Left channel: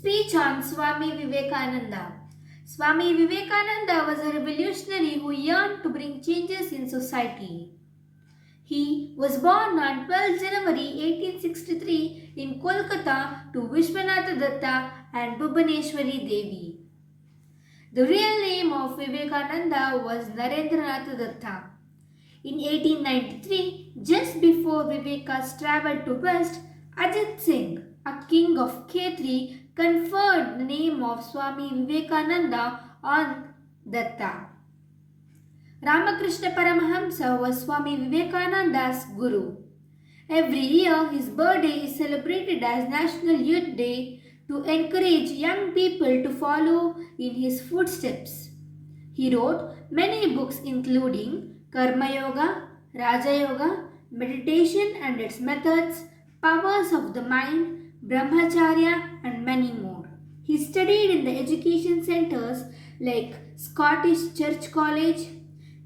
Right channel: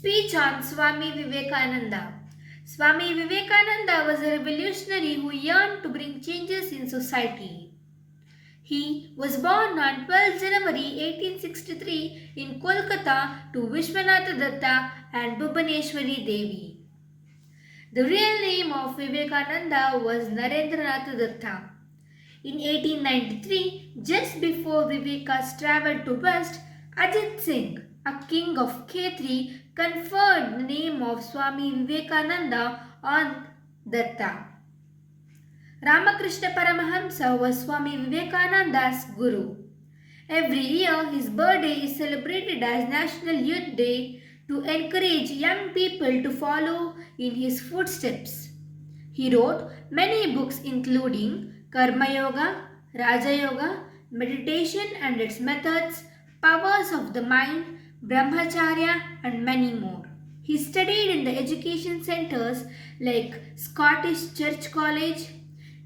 Speech on Swami Vivekananda. Swami Vivekananda was a revolutionary who yearned to bring changes in society. He was born on 12 January 1863 in Kolkata to Vishwanatha Datta and Bhubaneswari Devi. The real name of Vivekananda was Narendranath Datta. In 1893, just before Viveka's travel to West, Ajit Singh, a king of Khetri, conferred the name of Swami Vivekananda on Datta. Ramakrishna Paramahamsa was Swami Vivekananda's guru. Every year, his birthday is celebrated as National Youth Day to encourage young people to follow in his footsteps. He wrote many books including Karma Yoga, Raja Yoga, Meditation and its methods, Powers of the Mind, Brahmacharya and many more. He studied in the education centers like Scottish Church College,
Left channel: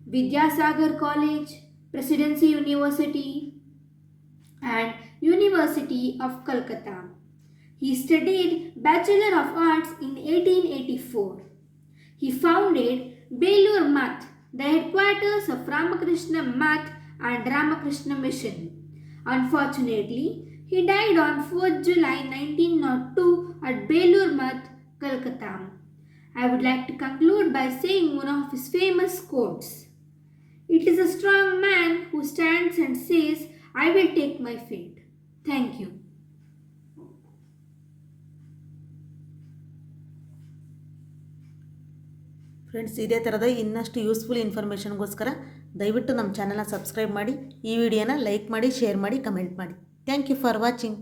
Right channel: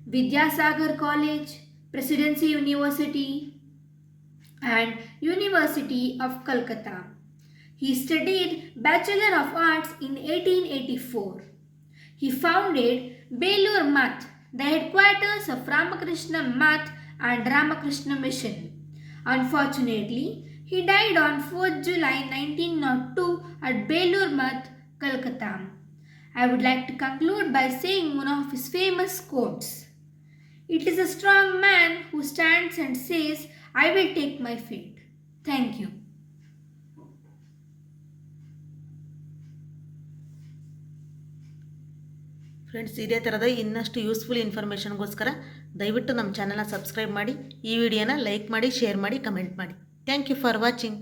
Vidyasagar College, Presidency University and University of Calcutta. He studied Bachelor of Arts in 1884. He founded Belur Math, the headquarters of Ramakrishna Math and Ramakrishna Mission. Unfortunately, he died on 4th July 1902 at Belur Math, Calcutta. I would like to conclude by saying one of his famous quotes. It is a strong man who stands and says, I will take my fate. Thank you. Friends, ಇದೇ ಥರದ ಇನ್ನಷ್ಟು useful ಇನ್ಫಾರ್ಮೇಷನ್ಗೋಸ್ಕರ ದಯವಿಟ್ಟು ನಮ್ಮ ಚಾನಲ್ನ subscribe ಮಾಡಿ, ಈ ವಿಡಿಯೋನ like ಮಾಡಿ, ಶೇರ್ ಮಾಡಿ, ಕಮೆಂಟ್ ಮಾಡಿ. Thank you for watching.